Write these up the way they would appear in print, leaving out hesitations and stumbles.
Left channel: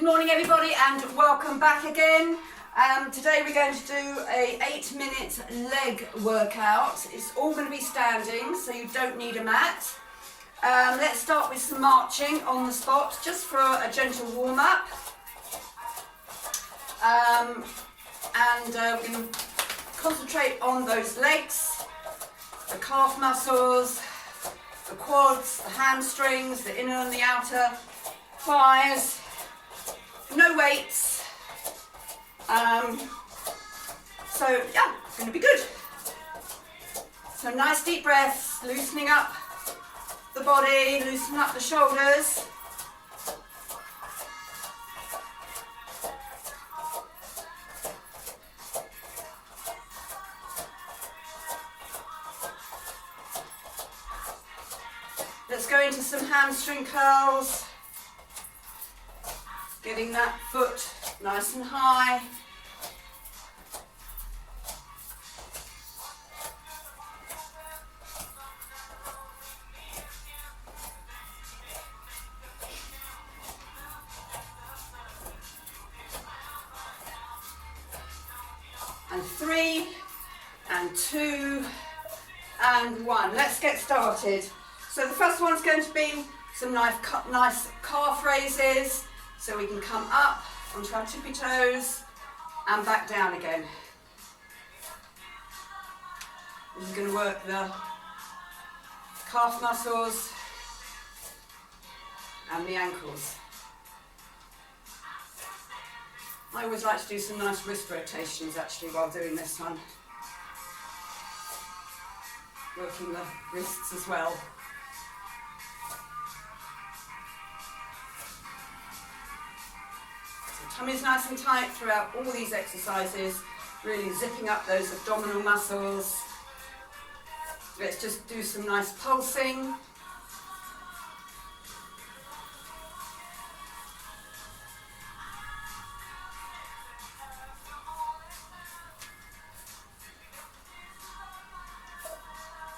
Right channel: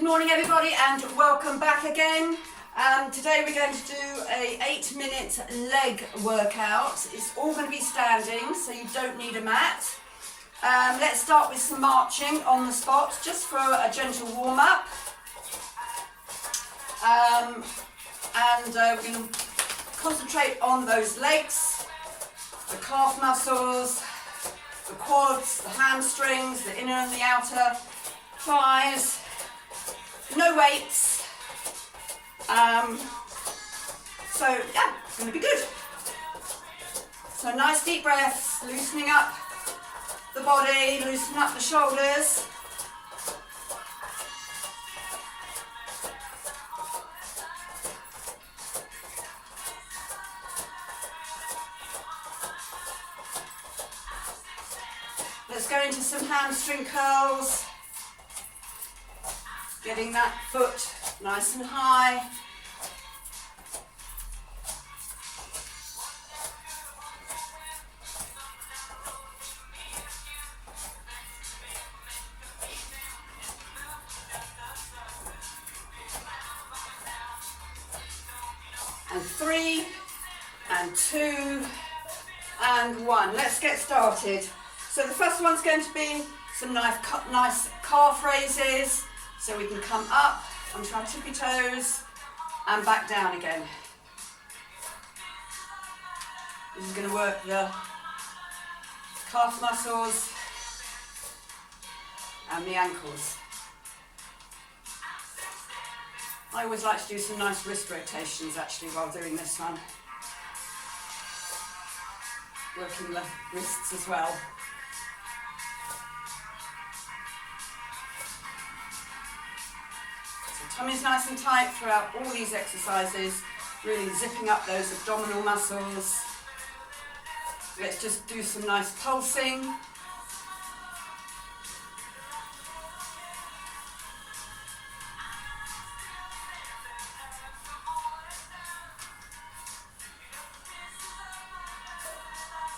Good morning everybody and welcome back again. Today we're going to do a 8-minute leg workout. It's all going to be standing, so you don't need a mat. Let's start with some marching on the spot, just for a gentle warm-up. We're going to concentrate on those legs, the calf muscles, the quads, the hamstrings, the inner and the outer thighs. No weights. So yeah, it's going to be good. So nice deep breaths, loosening up the body, loosening up the shoulders. Let's go into some hamstring curls. Getting that foot nice and high. And 3, and 2, and 1. Let's get started. So the first one's going to be some nice calf raises. So we can come up onto our tippy toes and back down again. This is going to work the calf muscles and the ankles. I always like to do some nice wrist rotations actually while doing this one. Working the wrists as well. Tummy's nice and tight throughout all these exercises, really zipping up those abdominal muscles. Let's just do some nice pulsing.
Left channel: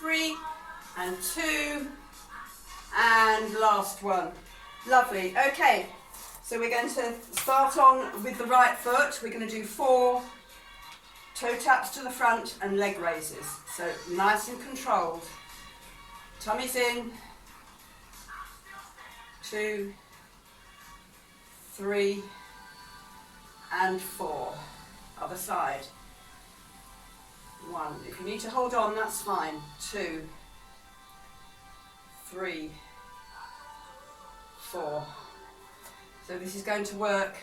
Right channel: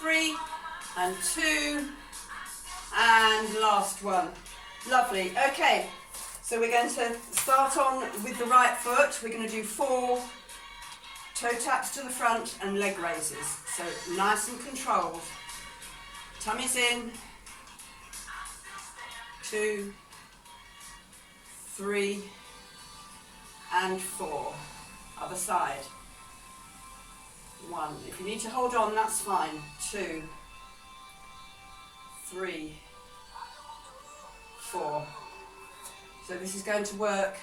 Three, and 2, and last one. Lovely. Okay. So we're going to start on with the right foot. We're going to do 4 toe taps to the front and leg raises. So nice and controlled. Tummy's in. 2, 3, and 4. Other side. 1. If you need to hold on, that's fine. 2, 3, 4. So this is going to work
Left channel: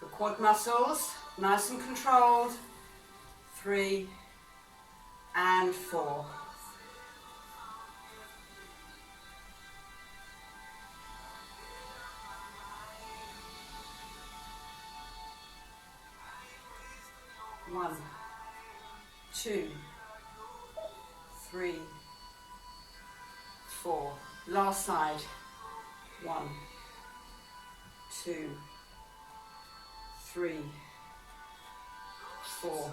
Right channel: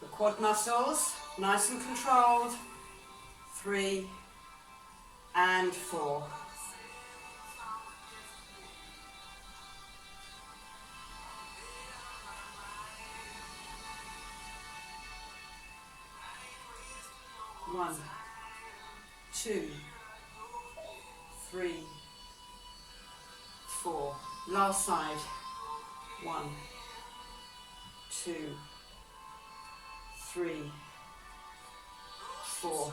the quad muscles, nice and controlled. 3 and 4. One, 2, 3, 4. Last side. 1, 2, 3, 4.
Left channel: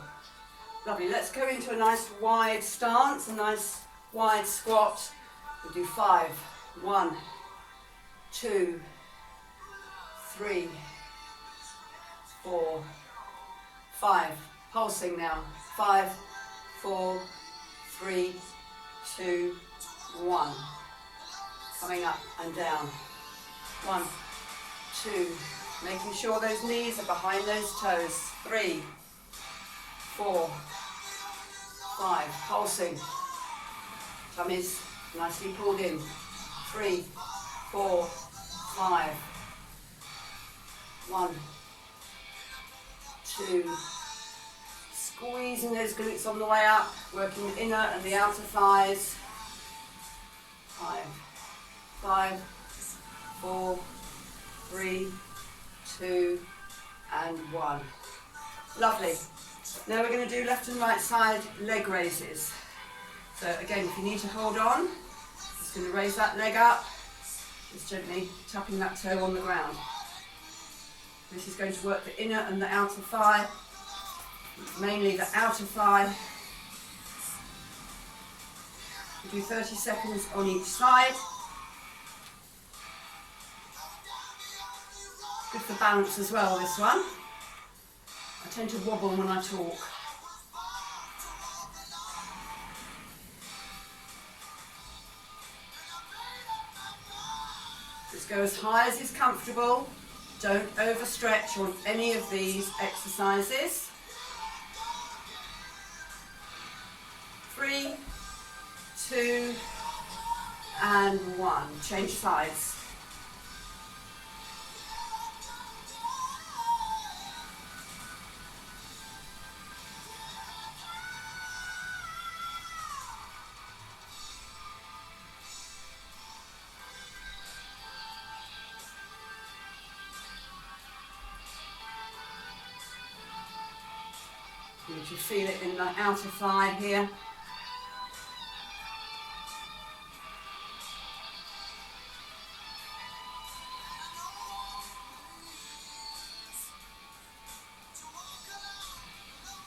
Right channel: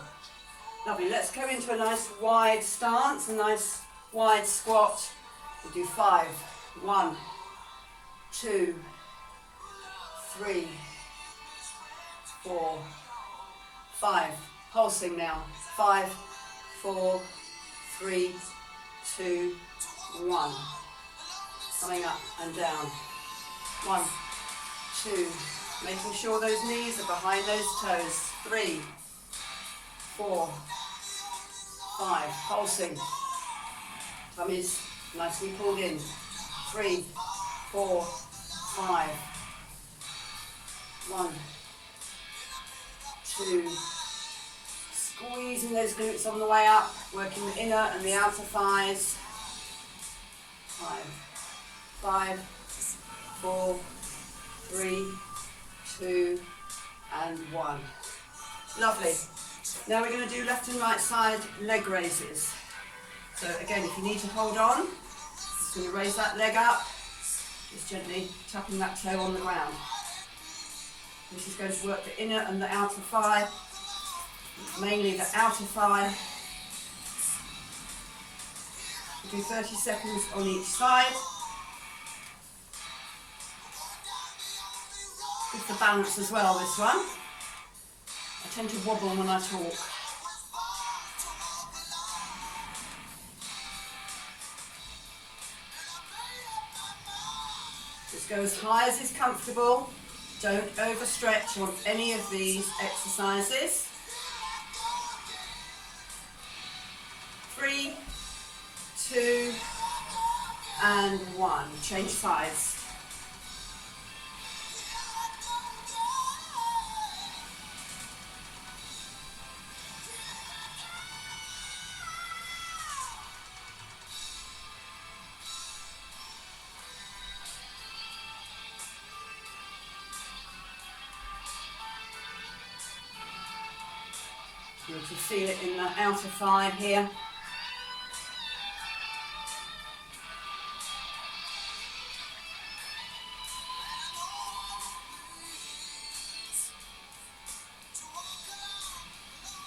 Lovely. Let's go into a nice wide stance, a nice wide squat. We'll do 5. 1, 2, 3, 4, 5. Pulsing now. 5, 4, 3, 2, 1. Coming up and down. 1, 2, making sure those knees are behind those toes. 3, 4, 5, pulsing. Tummy's nicely pulled in. 3, 4, 5. 1, 2, squeezing those glutes on the way up, working the inner and the outer thighs. 5, 4, 3, 2, and 1. Lovely. Now we're going to do left and right side leg raises. So again, if you need to hold on, just going to raise that leg up, just gently tapping that toe on the ground. This is going to work the inner and the outer thigh, mainly the outer thigh. Do 30 seconds on each side. Good for balance as well, this one. I tend to wobble when I talk. Just go as high as is comfortable. Don't overstretch on any of these exercises. 3, 2, and 1. Change sides. You can feel it in the outer thigh here.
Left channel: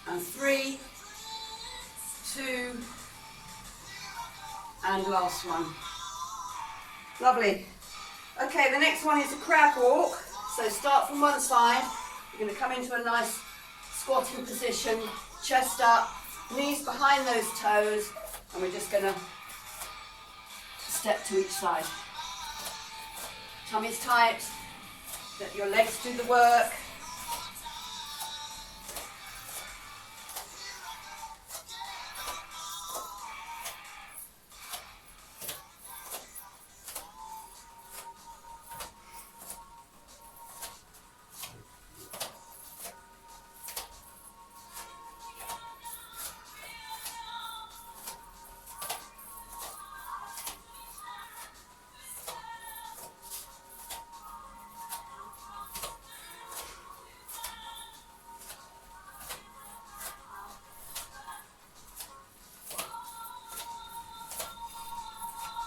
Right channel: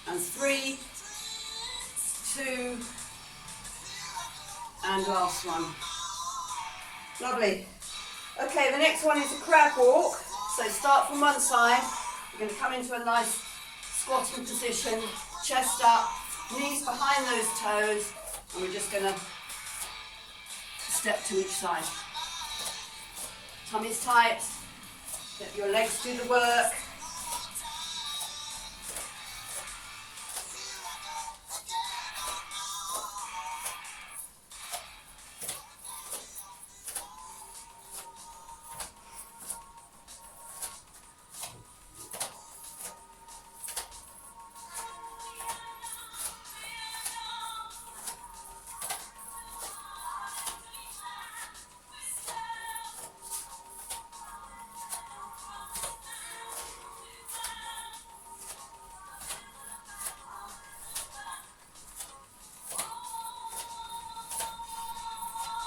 And 3, 2, and last one. Lovely. Okay, the next one is a crab walk. So start from one side. We're going to come into a nice squatting position, chest up, knees behind those toes, and we're just going to step to each side. Tummy's tight, let your legs do the work.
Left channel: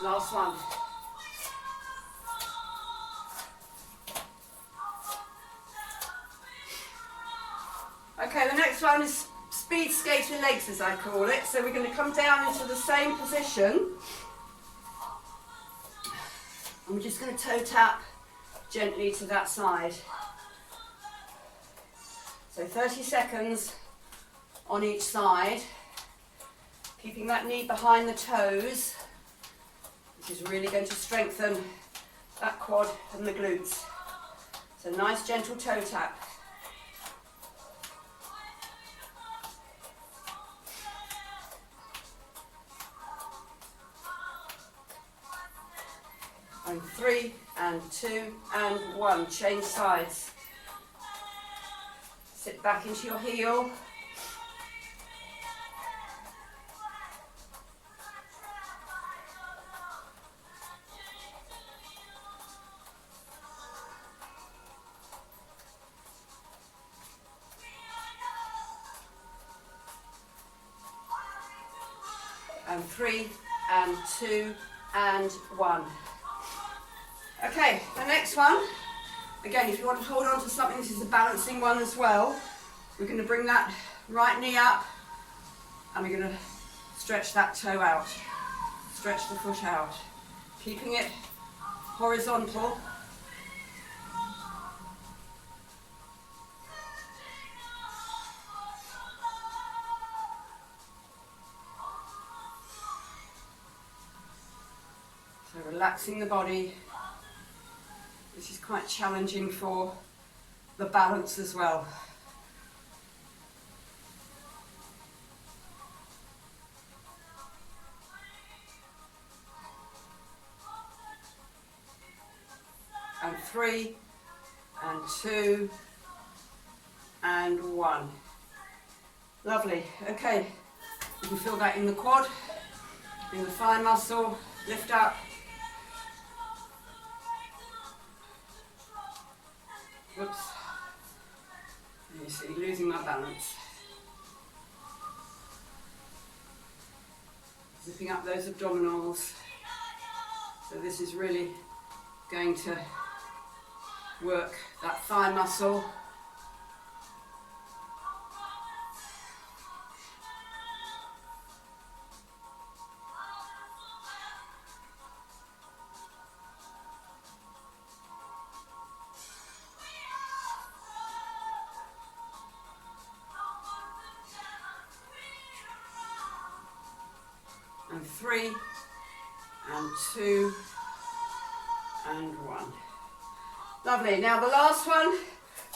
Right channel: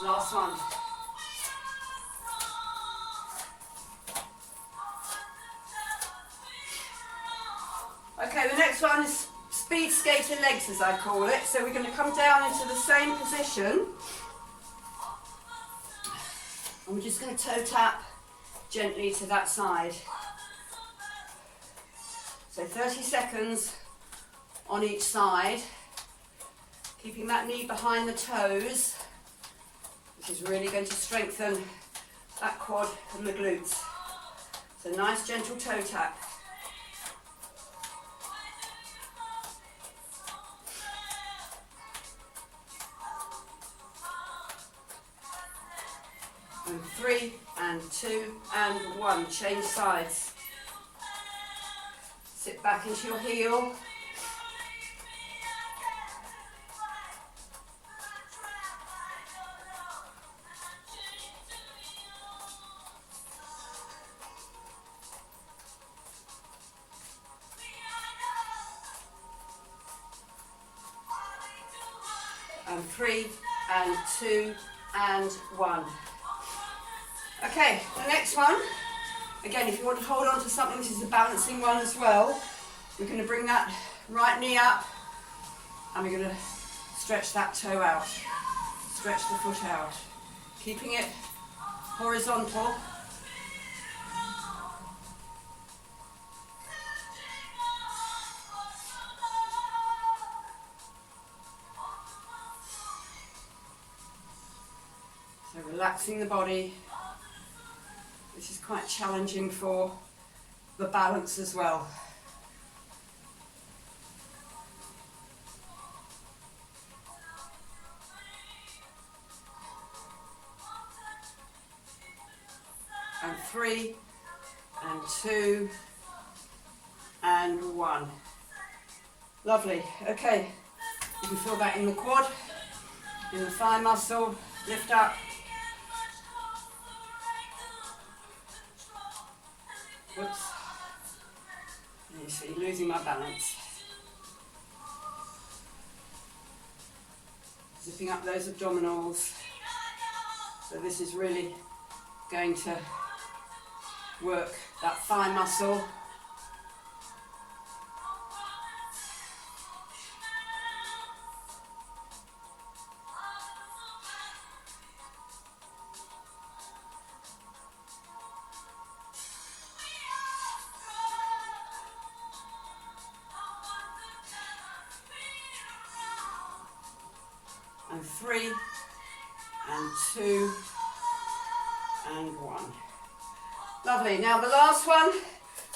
Last one. Okay, the next one is speed skater legs, as I call it. So we're going to come down into the same position. And we're just going to toe tap gently to that side. So 30 seconds on each side. Keeping that knee behind the toes, which is really going to strengthen that quad and the glutes. So nice gentle toe tap. And 3, and 2, and 1. Change sides. Sit back into your heel. And 3, and 2, and 1. Okay, the next one, again, if you want to hold on to something, this is a balancing one as well. We're going to bring that right knee up, and we're going to stretch that toe out, stretch the foot out, keeping it horizontal. So relaxing the body. This is quite challenging for the balance as well. And 3, and 2, and 1. Lovely. Okay, you can feel that in the quad, in the thigh muscle. Lift up. Whoops. You see, losing my balance. Zipping up those abdominals. So this is really going to work that thigh muscle. 3 and 2 and 1. Lovely. Now the last one,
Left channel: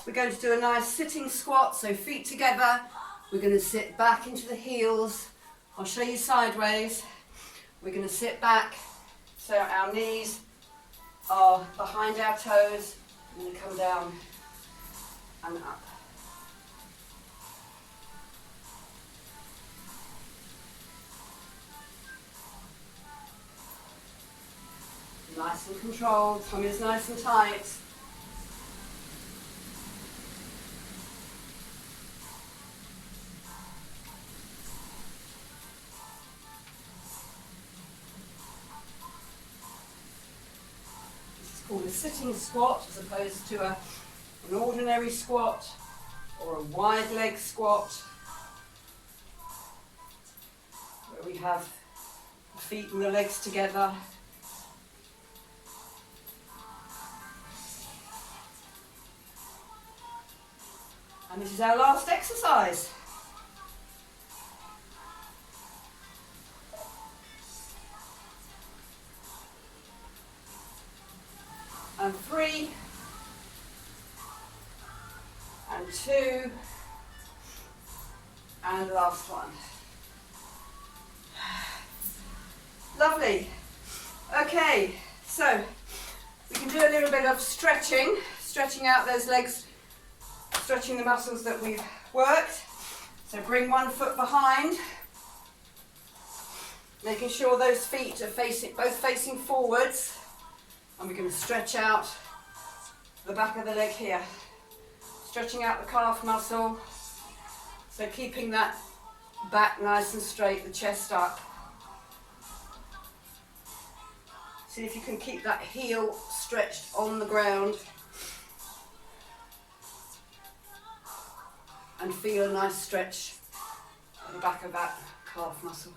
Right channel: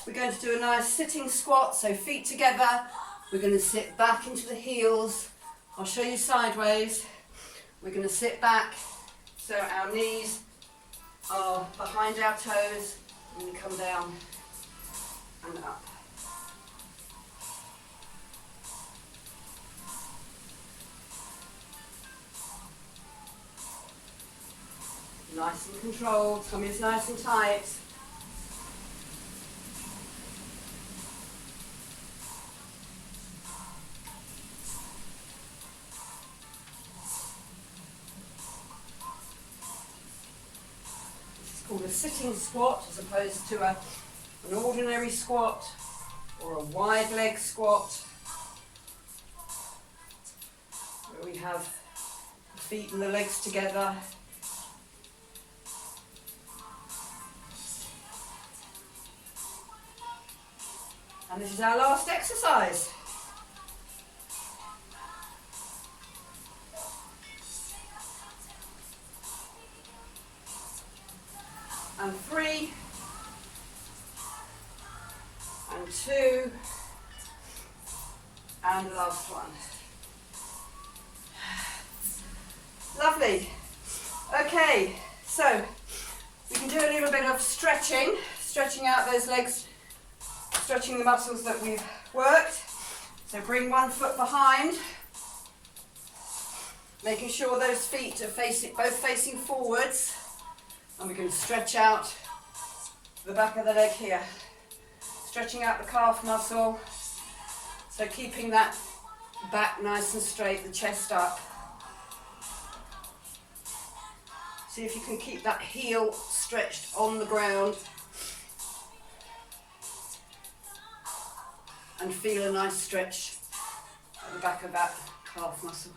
we're going to do a nice sitting squat, so feet together. We're going to sit back into the heels. I'll show you sideways. We're going to sit back so our knees are behind our toes, and you come down and up. Nice and controlled, tummy is nice and tight. This is called a sitting squat as opposed to an ordinary squat or a wide leg squat, where we have the feet and the legs together. And this is our last exercise. And 3 and 2 and last one. Lovely. Okay, so we can do a little bit of stretching out those legs, stretching the muscles that we've worked. So bring one foot behind, making sure those feet are both facing forwards, and we're going to stretch out the back of the leg here, stretching out the calf muscle, so keeping that back nice and straight, the chest up. See if you can keep that heel stretched on the ground and feel a nice stretch at the back of that calf muscle.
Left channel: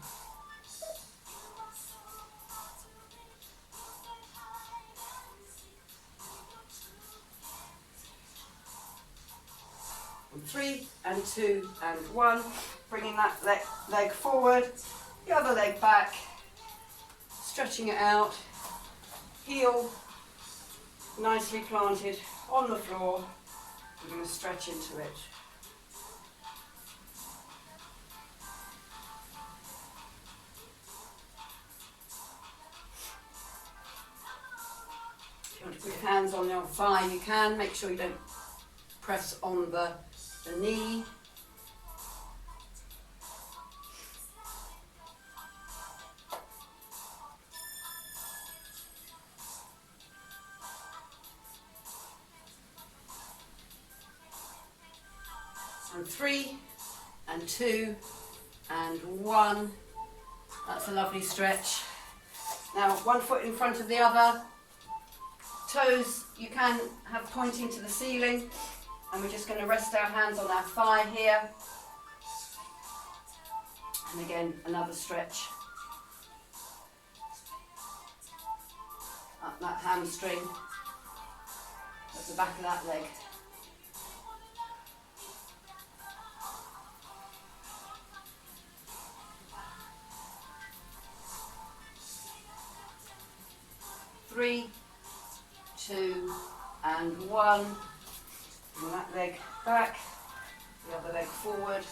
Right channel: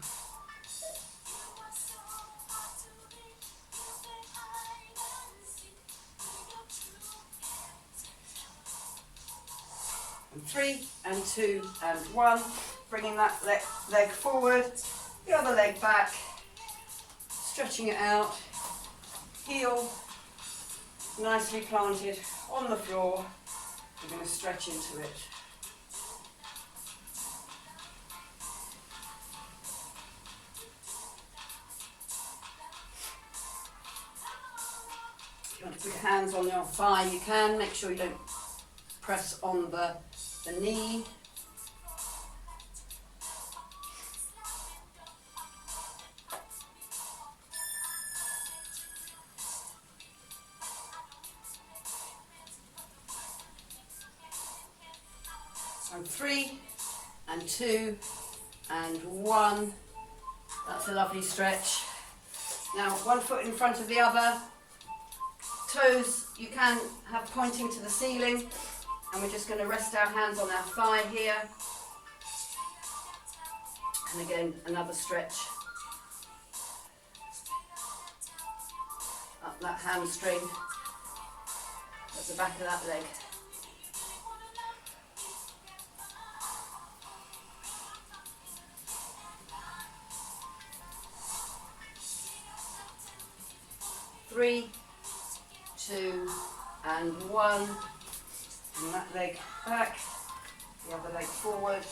And 3 and 2 and 1, bringing that leg forward, the other leg back, stretching it out, heel nicely planted on the floor. We're going to stretch into it. If you want to put your hands on your thigh, you can. Make sure you don't press on the knee. And 3 and 2 and 1. That's a lovely stretch. Now one foot in front of the other. Toes you can have pointing to the ceiling, and we're just going to rest our hands on our thigh here. And again, another stretch. Up that hamstring, at the back of that leg. Three, 2 and 1. Bring that leg back, the other leg forward.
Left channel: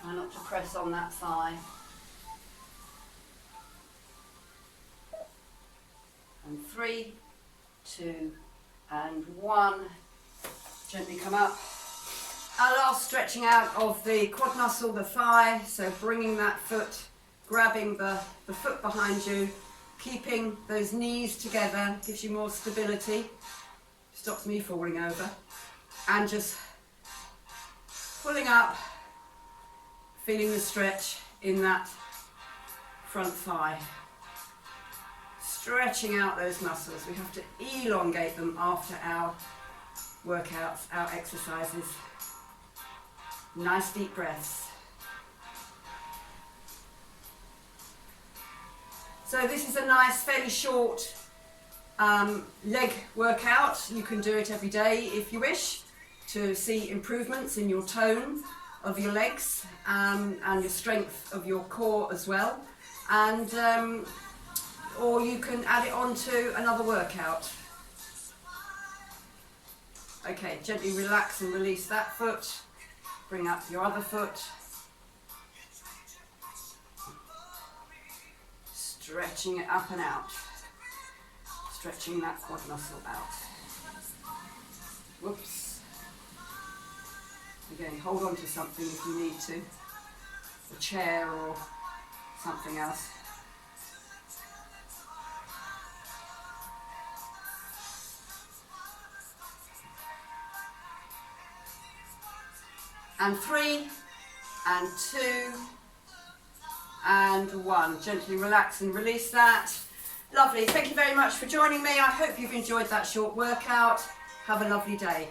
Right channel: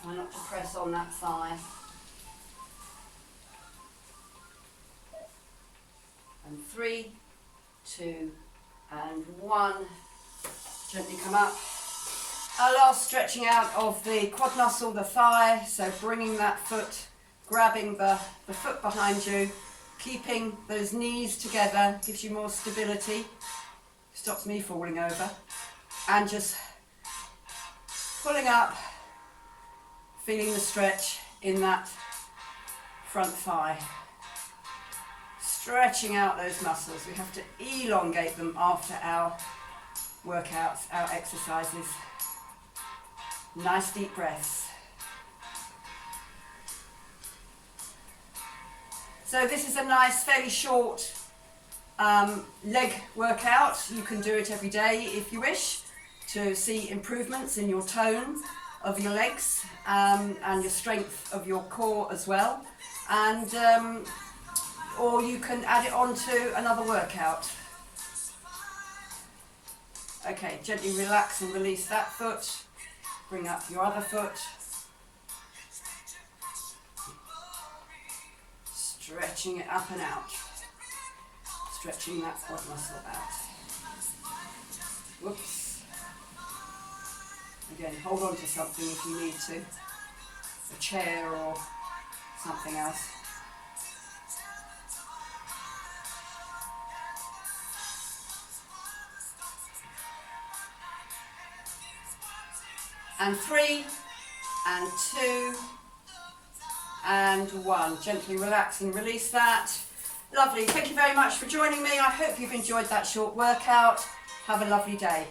Try not to press on that thigh. And 3, 2 and 1. Gently come up. Our last stretching out of the quad muscle, the thigh, so bringing that foot, grabbing the foot behind you, keeping those knees together, gives you more stability, stops me falling over, and just pulling up, feeling the stretch in that front thigh. Stretching out those muscles. We have to elongate them after our workouts, our exercises. Nice deep breaths. So this is a nice, fairly short leg workout. You can do it every day if you wish to see improvements in your tone of your legs and your strength of your core as well. And or you can add it on to another workout. Okay, gently relax and release that foot. Bring up your other foot. Stretching it up and out. Stretching that quad muscle out. Whoops. Again, hold on to something if you need to. A chair or something else. And 3, and 2, and 1. Gently relax and release that. Lovely. Thank you very much for joining me. I hope you've enjoyed that short workout. Have a lovely day.